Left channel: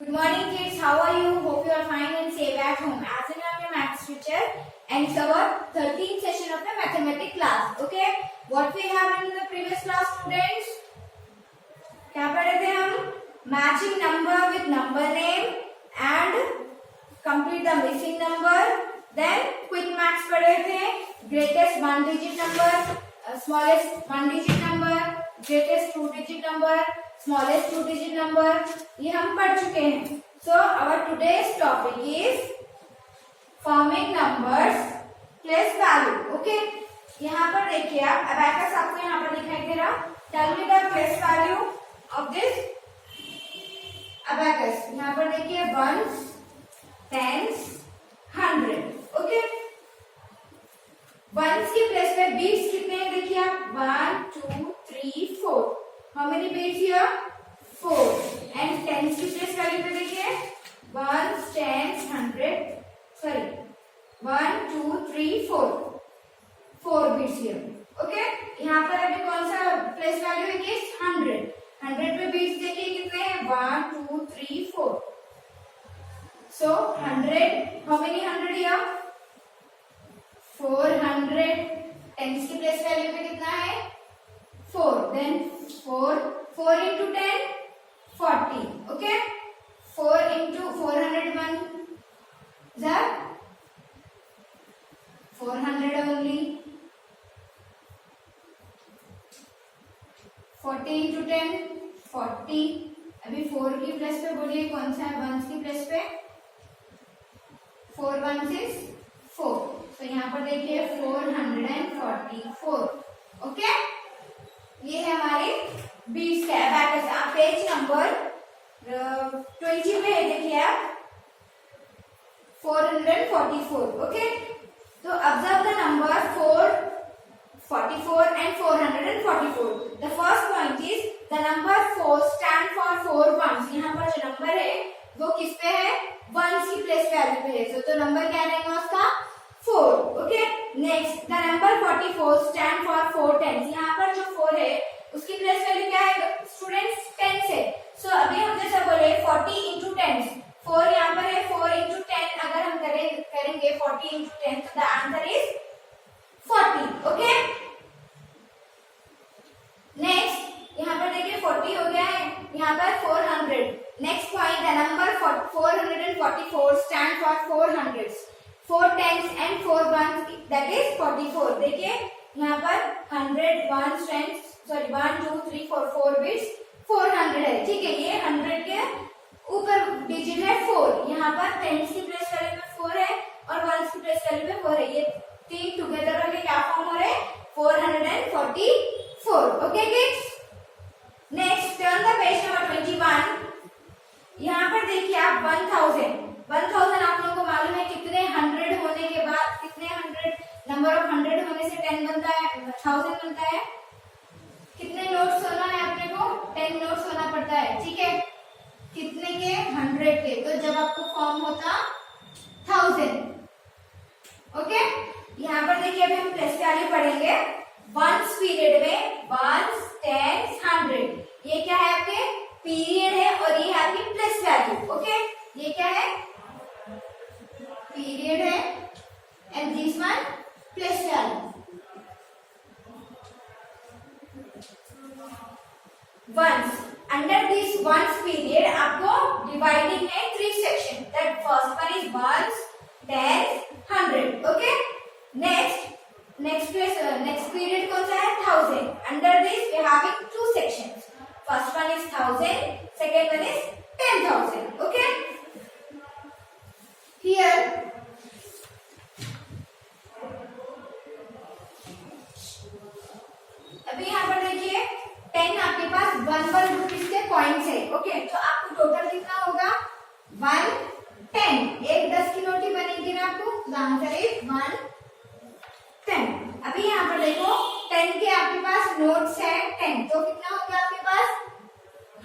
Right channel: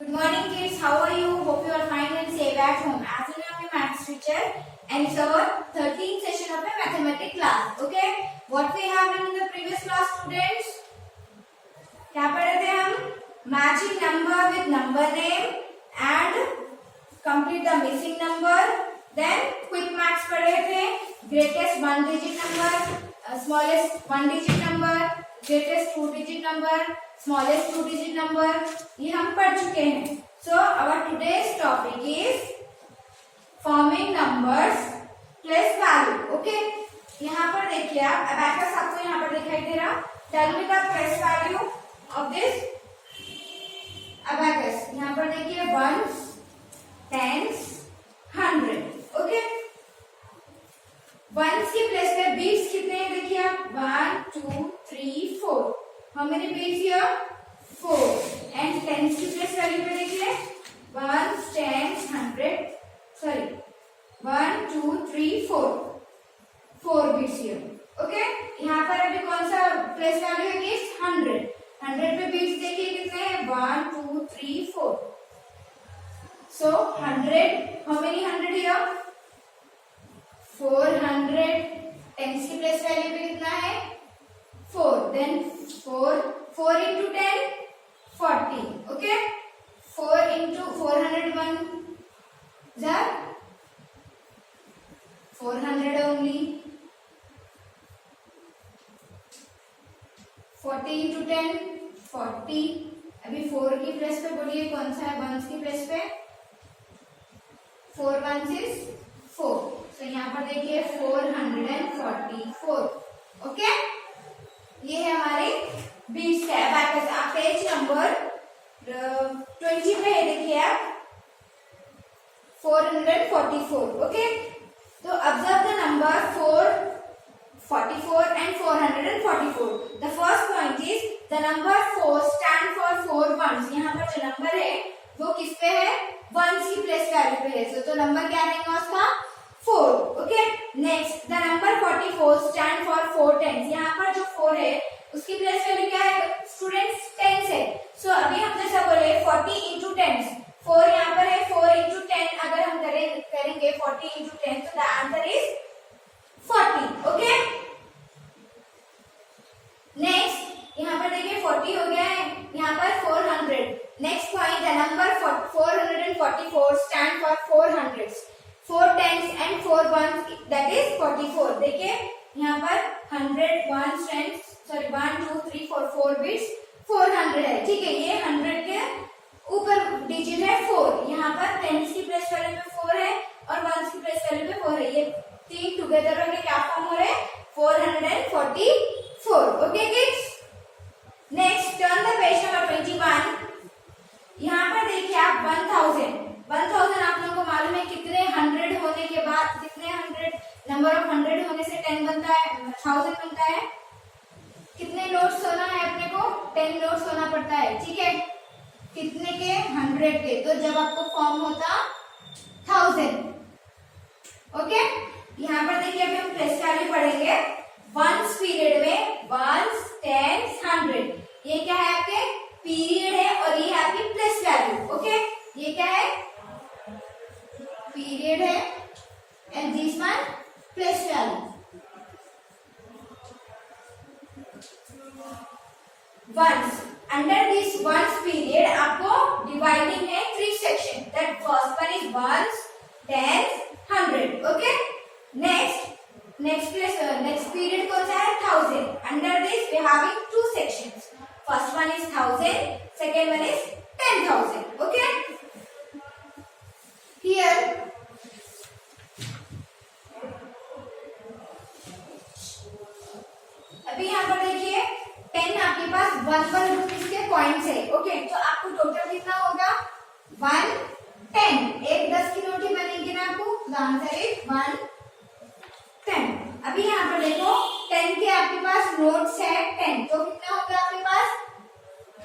Good morning kids, how are you? Hope you are fine and safe at home. As in I'm your maths teacher and it's our 13th session of a mathematics class. Okay, what we have in the previous class students? क्या पढ़े थे हम? Matching number with number name and complete the missing number. Then quick maths पढ़े थे. Greatest one digit number, smallest one digit number, greatest two digit number, smallest two digit number. ये हम पढ़ चुके हैं. So our today's topic is forming numbers place value. Okay. यहाँ पर देखिए आप abacus आपको यहाँ पर दिखाई दे रहा. Tell me the place value of this abacus. यहाँ पर देखिए ones, tens, 100. Okay. वंस की प्लेस पे बीट्स कितने हैं देखिए आप 1 2 3 4. How many beats here 4. And tens की प्लेस वैल्यू पे देखिए 1 10 100 सॉरी 1 2 3 4 बीट्स हियर. ओके. यहाँ पर अभी कौन सा प्लेस वैल्यू है कि 100 पे बीट्स देखिए कितने हैं 1 2 3 4. So 100 how many 100 here 400. Tens की प्लेस वैल्यू पे कितना है 4. Then 4 into 10 40. Okay. 4 into 401 that 400 only. 40 into 10 40. अभी 4 की प्लेस पे बोलिए कौन सा है वंस की प्लेस पे 4 वंस इज 4. तो यहाँ पर देखिए 444. ओके. ये है हमारे 20 का abacus. आप पेज नंबर 20 पे है देखिए आप 444. ओके. तो observe the number 444 and 444. The first point is the number 4 stand for 4 ones. यहाँ पर जो नंबर है वो किस पे है वंस की प्लेस वैल्यू पे है. तो नंबर क्या रहेगा उसका 4. Okay. Next the number 44 stand for 4 tens. यहाँ पर जो 4 है उसकी प्लेस वैल्यू क्या है स्टूडेंट्स टेंस है. सो अभी हम जैसा बोले 40 इंटू टेंस 4 यहाँ पर है 4 इंटू 10 अगर हम करेंगे 40 इंटू 10 तो the answer is 40. Okay. Next यहाँ पर देखिए 40 हो गया है यहाँ पर 400. Next point the number 444 stand for 400s. 4 tens and 4 ones that is 44. देखिए यहाँ पर 100 1 tens सॉरी 1 2 3 4 बिट्स 400 है. ठीक है. ये 100 के ऊपर डिजिट है 4. यहाँ पर टेंस की प्लेस वैल्यू पे 4 है और वंस की प्लेस वैल्यू पे 4 है. ये तीन टुगेदर होके क्या फॉर्म हो रहे हैं 444. Okay kids. Next turn the page number 21. यहाँ पर देखिए आप 1000 आप लोगों को मालूम है कितने 100 होने के बाद कितने 100 नंबर ऑफ 100 होने से 10 बनता है 1000 बनता है. कितने नोट्स होना है अपने को 10 नोट्स होना पड़ता है. ठीक है. कितने के 100 के. तो जब आपको फॉर्म होता 1000. ओके. यहाँ पर देखिए अभी हम प्लेस वैल्यू पढ़ेंगे. वंस पीरियड में 1 10 100 ये क्या है आपके पीरियड है और ये है आपकी प्लेस वैल्यू. ओके. ये क्या है पीरियड है and this one place value. Ones under this ones period आपको डिवाइडिंग है 3 section. That first one is ones 10 100. Okay. Next period कौन सा है 1000. Under this we having 2 sections. First one is 1000 second one is 10,000. Okay. Here अभी यहाँ पर देखिए 10 आपके पास 1 रुपीज के कॉइन्स है. ओके. तो आपको टोटल कितना होगा 1 10. एक 10 की नोट ही बनेगी ना आपको. The answer is 1 10. अभी यहाँ पर देखो 10 के आपके पास नोट्स है 10. तो कितना हो गया आपके पास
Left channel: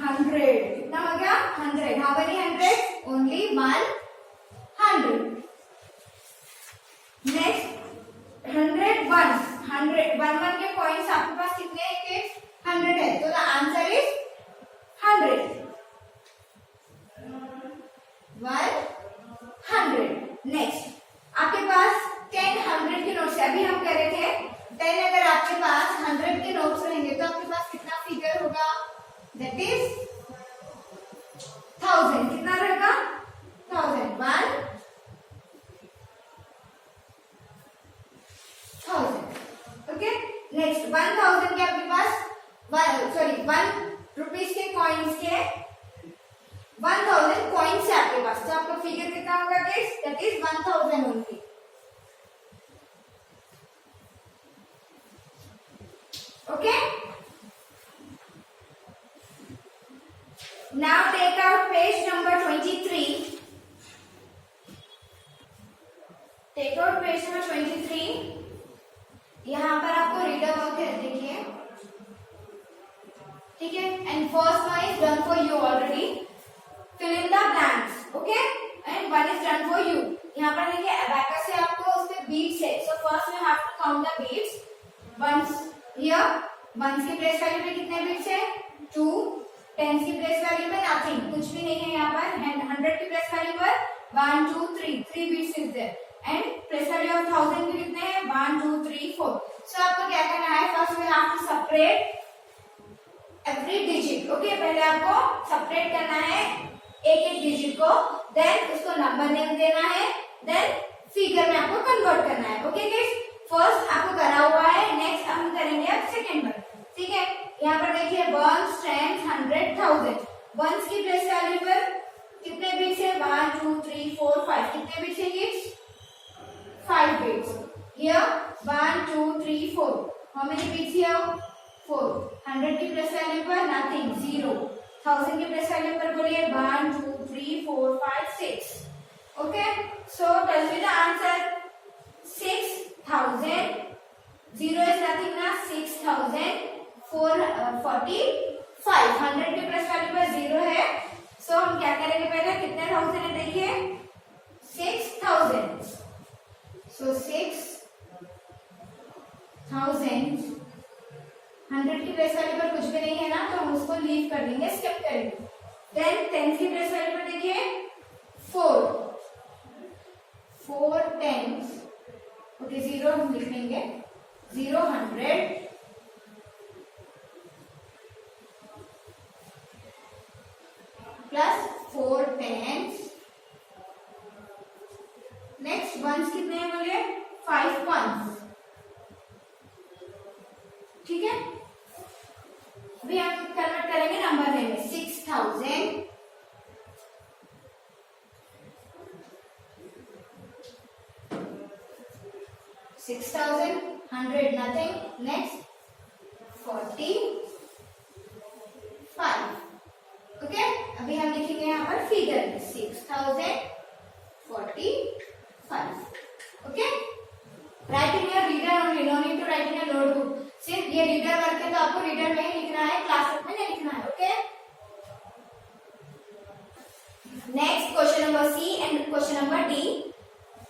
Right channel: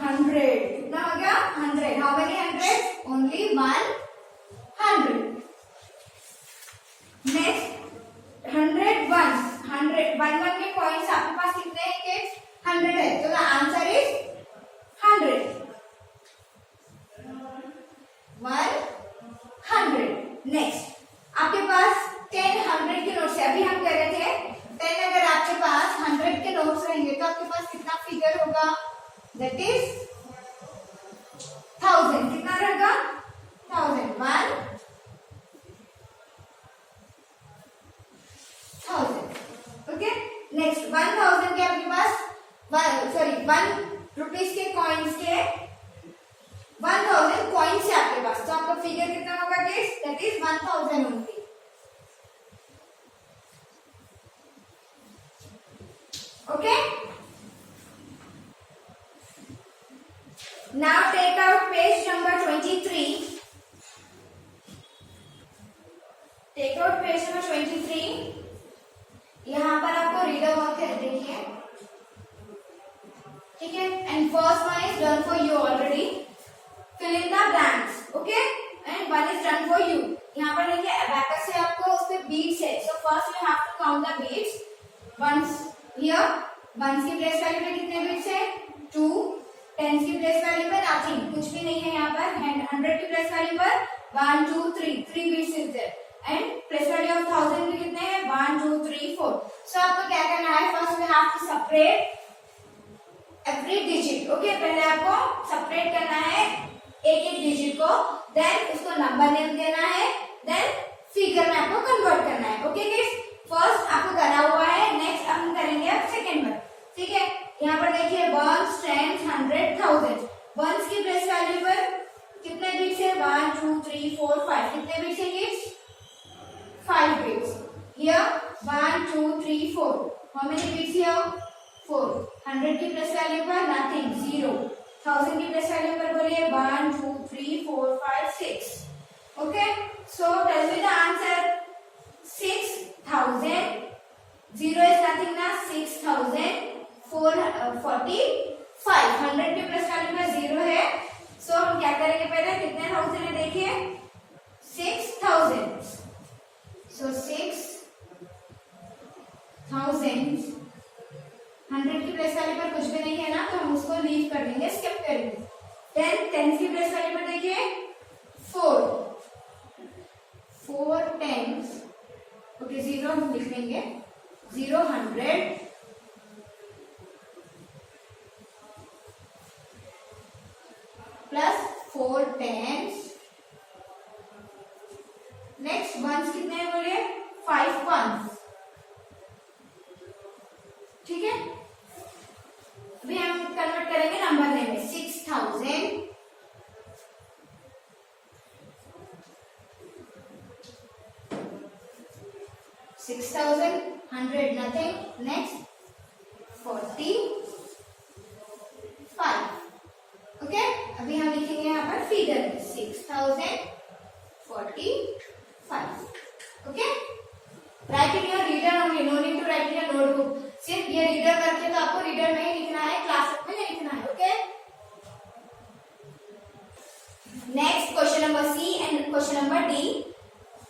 100. कितना हो गया 100. How many 100 only 100. Next 100 ones 1 के पॉइंट्स आपके पास कितने हैं किड्स 100 है. तो द आंसर इज 100. पॉइंट्स है आपके पास, तो आपका फिगर कितना होगा kids? That is 1000 only. Okay, now take out page number 23. Take out page number 23. यहाँ पर आपको रीडर वर्क है, देखिए, ठीक है। And first one is done for you already, fill in the blanks, okay, and one is done for you. यहाँ पर देखिए अबैकस से आपको उसपे बीट्स है, so first you have to count the beats. Ones here, ones की place value पे कितने बीट्स है? 2, टेंस की प्लेस वैल्यू पे नथिंग, कुछ भी नहीं है यहाँ पर, एंड 100 की प्लेस वैल्यू पर 1 2 3 beats is there, and place value of 1000 के कितने हैं? 1 2 3 4। सो आपको क्या करना है? First we have to separate every digit, okay, पहले आपको सेपरेट करना है एक एक डिजिट को, देन उसको नंबर नेम देना है, देन फिगर में आपको कन्वर्ट करना है, ओके गाइस। फर्स्ट आपको करा हुआ है, नेक्स्ट हम करेंगे अब सेकंड वन, ठीक है। यहाँ पर देखिए 1 10 100 1000, वंस की प्लेस वैल्यू पर कितने बिट्स है? 1 2 3 4 5, कितने बिट्स है kids? 5 bits. Here 1 2 3 4. How many bits here? 4. 100 की प्लेस वैल्यू पर nothing, 0. 1000 की प्लेस वैल्यू पर बोलिए 1 2 3 4 5 6. Okay. So tell me the answer. 6000. 0 is nothing ना, 6045. 100 की प्लेस वैल्यू पर 0 है, so हम क्या करेंगे? पहले कितने थाउजेंड है देखिए, 6000. So 6000, 100 की प्लेस वैल्यू पर कुछ भी नहीं है ना, तो हम उसको लीव कर देंगे, स्किप करेंगे। देन 10 की प्लेस वैल्यू पर देखिए 4 10, ओके, 0 हम लिख देंगे, 0 100 प्लस 4 10। नेक्स्ट वंस कितने हैं बोलिए? 5 वंस, ठीक है। अभी हम कन्वर्ट करेंगे नंबर में, 6000 100 nothing, next 45, ओके। अभी हम लिखेंगे यहाँ पर figure 6045, okay. Write in your reader only, no need to write in your notebook. सिर्फ ये रीडर वर्क है तो आपको रीडर में ही लिखना है, क्लासबुक में नहीं लिखना है, okay. Next question number C and question number D.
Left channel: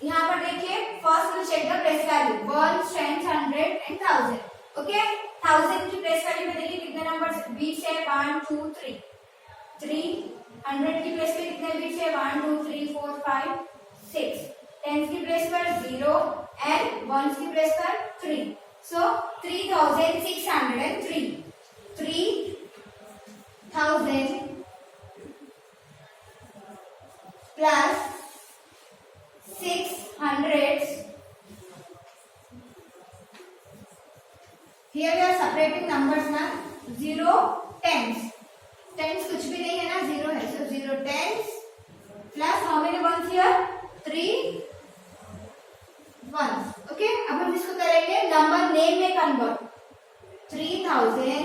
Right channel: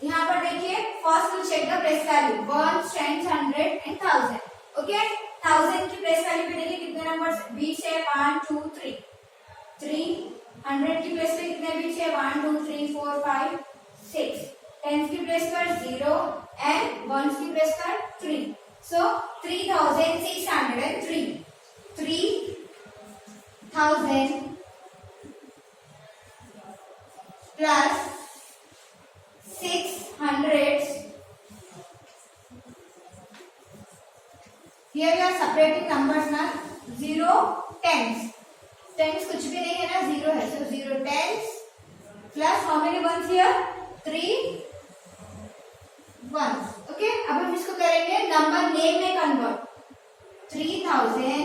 यहाँ पर देखिए first will check the place value 1 10 100 and 1000, okay. 1000 की प्लेस वैल्यू पे देखिए कितने नंबर्स बीच है? 1 2 3 3। 100 की प्लेस पे कितने बीच है? 1 2 3 4 5 6। 10 की प्लेस पर 0 एंड 1 की प्लेस पर 3, सो 3603। 3000 plus 600. Here we are separating numbers ना, 0 10s. 10s कुछ भी नहीं है ना, 0 है, so 0 10s plus how many ones here? 3 ones, okay। अब हम इसको करेंगे नंबर नेम में कन्वर्ट, 3000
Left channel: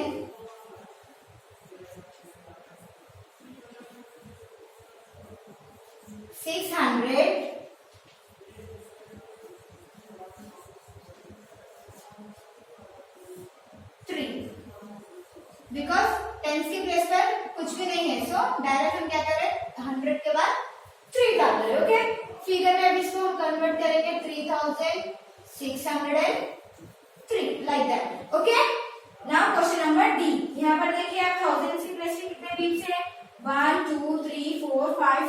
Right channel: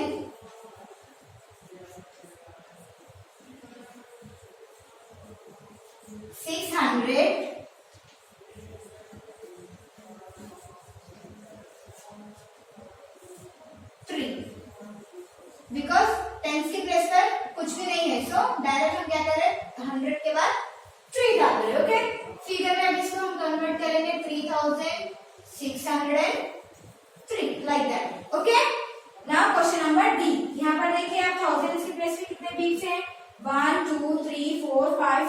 600 बिकॉज टेंस की प्लेस पर कुछ भी नहीं है, सो डायरेक्ट हम क्या करें? 100 के बाद 3 डाल रहे, ओके। फिगर में अब इसको हम कन्वर्ट करेंगे 3603 like that, okay. Now question number D. यहाँ पर देखिए आप 1000 की प्लेस में कितने बीट्स है? 1 2 3 4 5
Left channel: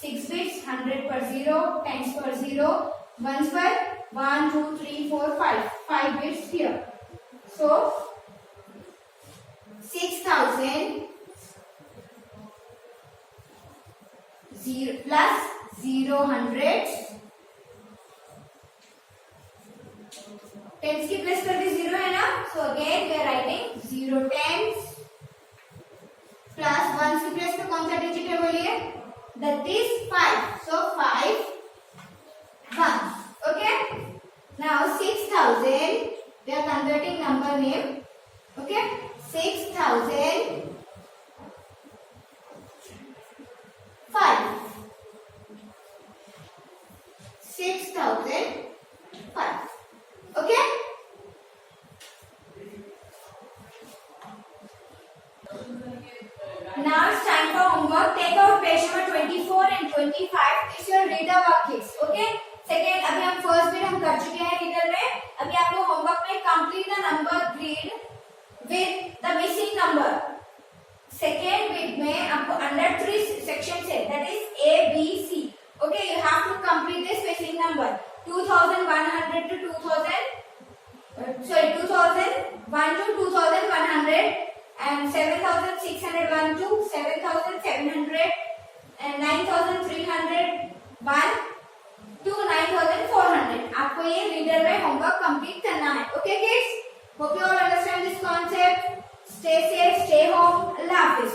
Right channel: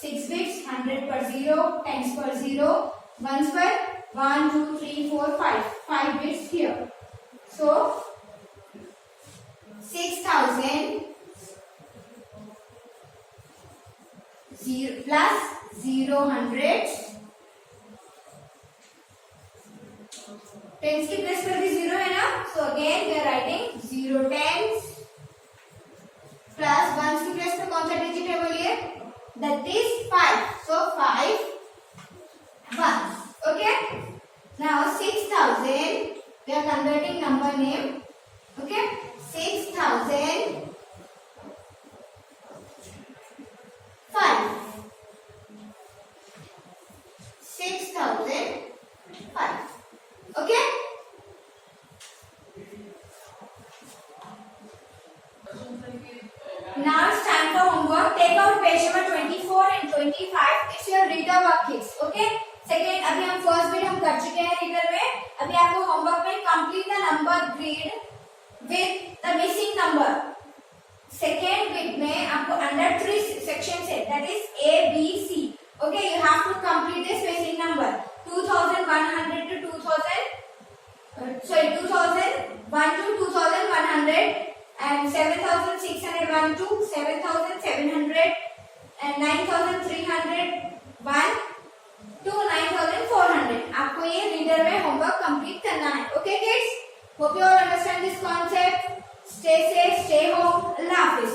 6 बिट्स। 100 पर 0, टेंस पर 0, वंस पर 1 2 3 4 5 bits here, so 6000 plus 0 100, tens की प्लेस पर भी 0 है ना, so again we are writing 0 tens plus ones की प्लेस पर कौन सा डिजिट है बोलिए? that is 5. So 5 ones. Okay. Now 6,000. We are converting number name. Okay. 6,000 5. 6,005. Okay. Now it's time for homework. Take out page number 24 and 25. It's your reader work kits. Okay. Second, अभी हम first bit हम कर चुके हैं reader में. अभी आपको homework में complete the number grid with the missing number. Second bit में आपको under 3 sections है. That is A, B, C. Okay. You have to complete this missing number. 2,100 to 2,000. 2,001 to 2,100. And 7,601 to 7,700 and 9,301 to 9,400. आपको ये reader में homework complete करना है. Okay kids? Hope you all understand this concept. Stay safe, stay home. Allah Hafiz.